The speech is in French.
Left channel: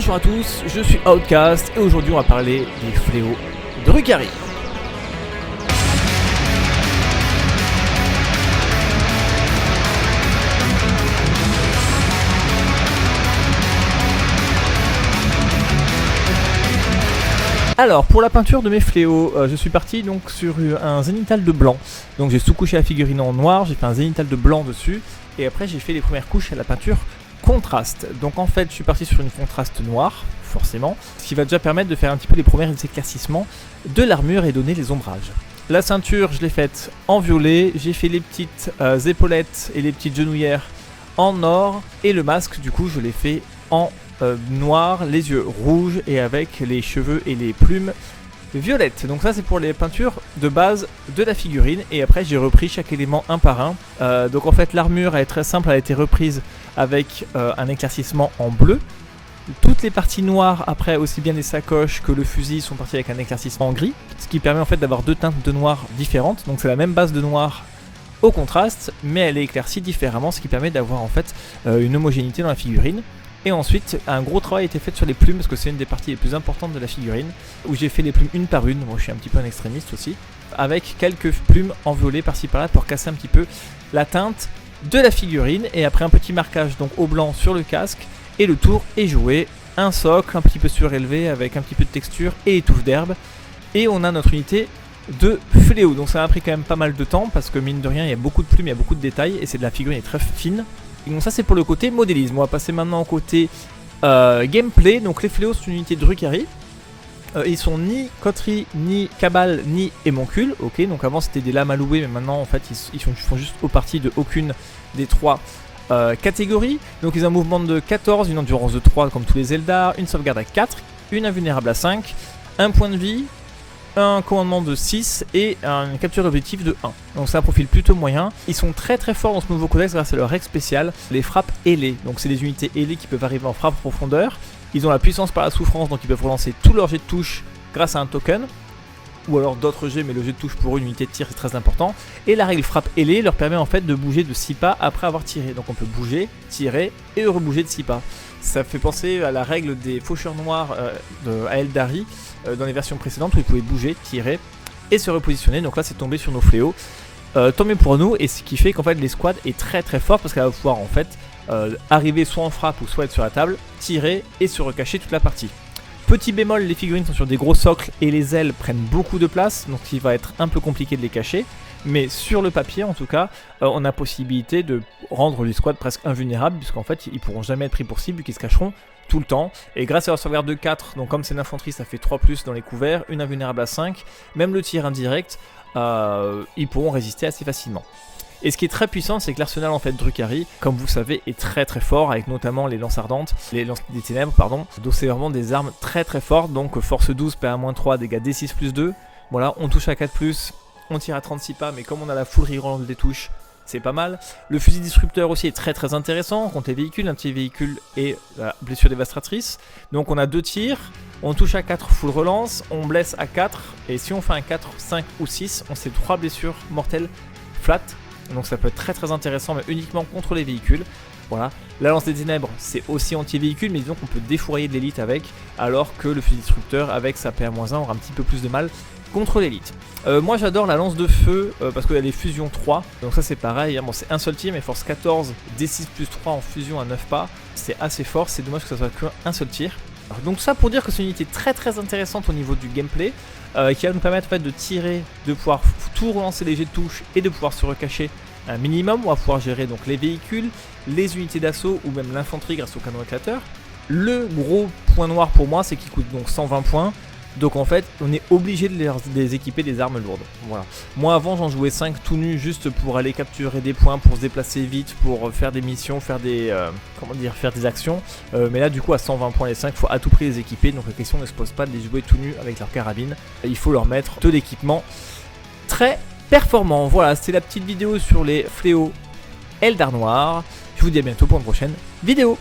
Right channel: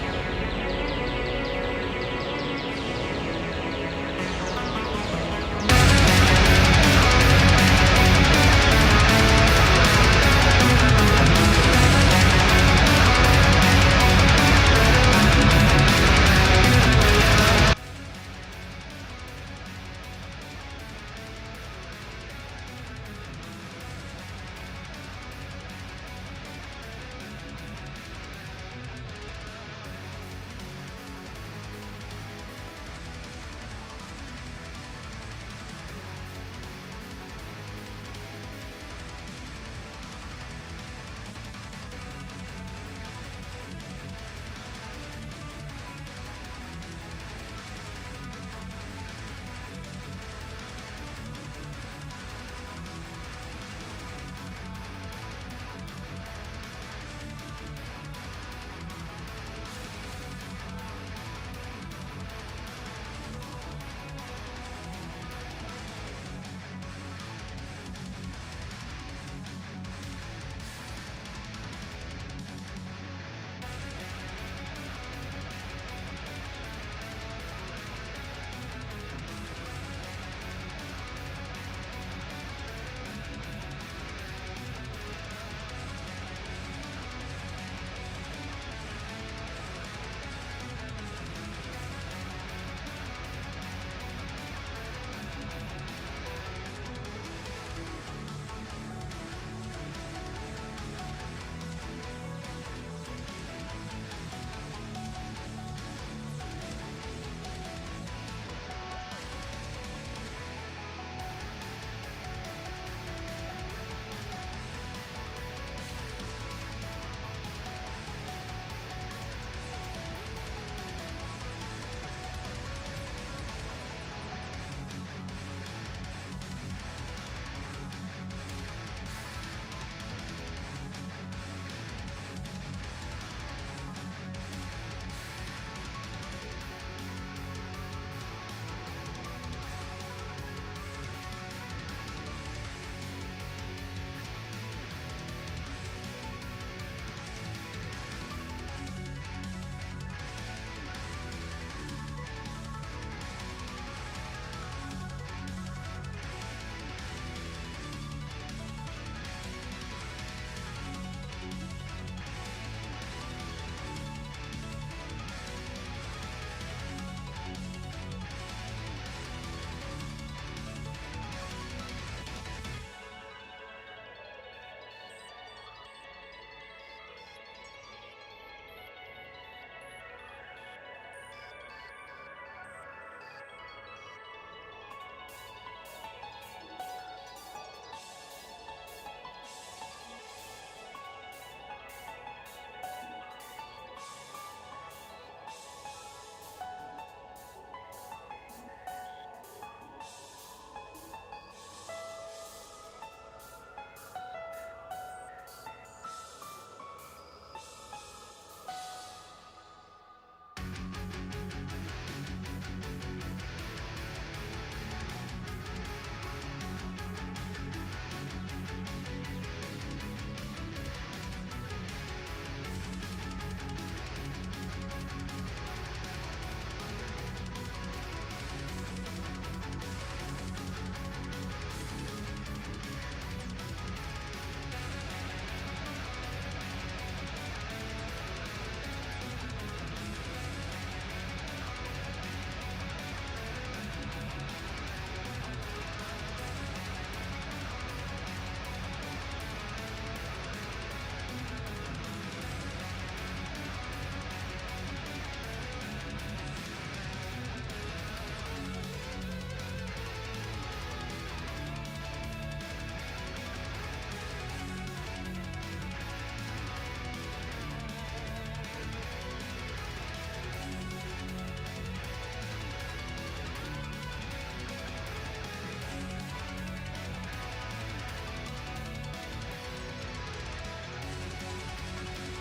Bonjour à tous, je suis Outcast et aujourd'hui on va parler des fléaux de Drukhari. Alors pour la peinture de mes fléaux, je suis parti donc sur un zénithal de blanc. Donc j'ai sous-couché la figurine en noir, j'ai fait un zénithal de blanc dessus et après j'ai fait les premières couches à la peinture contraste. Donc en fait je suis parti sur une contraste noire, forcément, ce qui va déjà permettre de faire un petit peu les premiers éclaircissements de l'armure et donner les ombrages. La ceinture je l'ai faite en violet, j'ai fait les petites épaulettes et les petites genouillères en or et le masque du coup je l'ai fait en noir, les yeux rouges et avec les cheveux et les plumes violettes. Donc ça c'est pour les peintures de base de la figurine et après j'ai repris chaque élément un par un. Donc en fait l'armure elle est très simple, elle a été reprise avec un éclaircissement en bleu. Toutes les parties noires après aussi bien les sacoches que le fusil sont parties avec un éclaircissement en gris, ce qui permet en fait d'avoir deux teintes de noir différentes. Donc c'est la même base de noir au contraste mais elle est éclaircie différemment, ce qui permet d'avoir en fait une homogénéité dans la figurine. Et ensuite, un gros travail a été fait sur les plumes parce que c'est une des parties les plus importantes de la figurine où j'ai fait les plumes une par une, moi je suis un petit peu un extrémiste aussi, avec quelques plumes en violet par-ci par-là pour casser un petit peu la teinte de la figurine et après un petit marquage donc au blanc sur le casque et le tour est joué, un socle un petit peu surélevé avec un petit peu de texture et les touches d'herbe et on a notre unité de fléau. Donc ça a pris quand même pas mal de temps parce que mine de rien il y a beaucoup de plumes, il y a beaucoup de détails et c'est de la figurine est très fine. Et donc ça c'est pour le côté modélisme. On va passer maintenant au côté gameplay. Donc les fléaux c'est une unité de Drukhari. Ils sont ni coterie, ni cabale, ni émoncule. Ok, donc avant c'était des lames à louer, mais maintenant en fait ils font juste partie de aucune des trois catégories. Donc ils ont un mouvement de 14, une endurance de 3 comme tous les Eldar, une sauvegarde à 4, une invulnérable à 5, un point de vie, un commandement de 6 et une capture d'objectif de 1. Donc c'est un profil plutôt moyen. Ils sont très très forts dans ce nouveau codex grâce à leur règle spéciale, les frappes ailées. Donc c'est des unités ailées qui peuvent arriver en frappe en profondeur. Ils ont la puissance par la souffrance, donc ils peuvent relancer tous leurs jets de touche grâce à un token. Ou alors d'autres jets, mais le jet de touche pour une unité de tir c'est très important. Et la règle frappe ailée leur permet en fait de bouger de 6 pas après avoir tiré. Donc on peut bouger, tirer et rebouger de 6 pas. Ça fait penser à la règle des faucheurs noirs à Eldari dans les versions précédentes où ils pouvaient bouger, tirer et se repositionner. Donc là c'est tombé sur nos fléaux. Tant mieux pour nous et ce qui fait qu'en fait l'escouade est très très forte parce qu'elle va pouvoir en fait arriver soit en frappe ou soit être sur la table, tirer et se recacher toute la partie. Petit bémol, les figurines sont sur des gros socles et les ailes prennent beaucoup de place, donc il va être un peu compliqué de les cacher. Mais sur le papier en tout cas, on a possibilité de rendre les squads presque invulnérables puisqu'en fait ils pourront jamais être pris pour cible vu qu'ils se cacheront tout le temps. Et grâce à leur sauvegarde de 4, donc comme c'est l'infanterie ça fait 3+ dans les couverts, une invulnérable à 5, même le tir indirect, ils pourront résister assez facilement. Et ce qui est très puissant, c'est que l'arsenal en fait Drukhari, comme vous savez, est très très fort, avec notamment les lances ardentes, les lances des ténèbres, pardon. Donc c'est vraiment des armes très très fortes, donc force 12, PA-3, dégâts D6 plus 2. Voilà, on touche à 4+, on tire à 36 pas, mais comme on a la full reroll des touches, c'est pas mal. Le fusil disrupteur aussi est très très intéressant contre les véhicules, un petit véhicule et la blessure dévastatrice. Donc on a 2 tirs, on touche à 4 full relance, on blesse à 4, et si on fait un 4, 5 ou 6, on fait 3 blessures mortelles flat. Donc ça peut être très très intéressant mais uniquement contre les véhicules. Voilà. La lance des ténèbres c'est aussi anti-véhicule mais disons qu'on peut défourailler de l'élite avec, alors que le fusil disrupteur avec sa PA-1 aura un petit peu plus de mal contre l'élite. Moi j'adore la lance de feu parce qu'il y a les fusions 3, donc ça c'est pareil, hein. Bon, c'est un seul tir mais force 14, D6 plus 3 en fusion à 9 pas, c'est assez fort, c'est dommage que ça soit qu'un seul tir. Donc ça pour dire que c'est une unité très très intéressante au niveau du gameplay, qui va nous permettre en fait, de tirer, de pouvoir tout relancer les jets de touche et de pouvoir se recacher un minimum. On va pouvoir gérer donc les véhicules, les unités d'assaut ou même l'infanterie grâce au canon éclateur. Le gros point noir pour moi c'est qu'il coûte donc 120 points. Donc en fait on est obligé de les équiper des armes lourdes. Voilà. Moi avant j'en jouais 5 tout nus juste pour aller capturer des points, pour se déplacer vite, pour faire des missions, faire des faire des actions. Mais là du coup à 120 points les 5 il faut à tout prix les équiper. Donc la question ne se pose pas de les jouer tout nus avec leur carabine. Il faut leur mettre de l'équipement très performant. Voilà, c'était la petite vidéo sur les fléaux Eldar Noir. Je vous dis à bientôt pour une prochaine vidéo.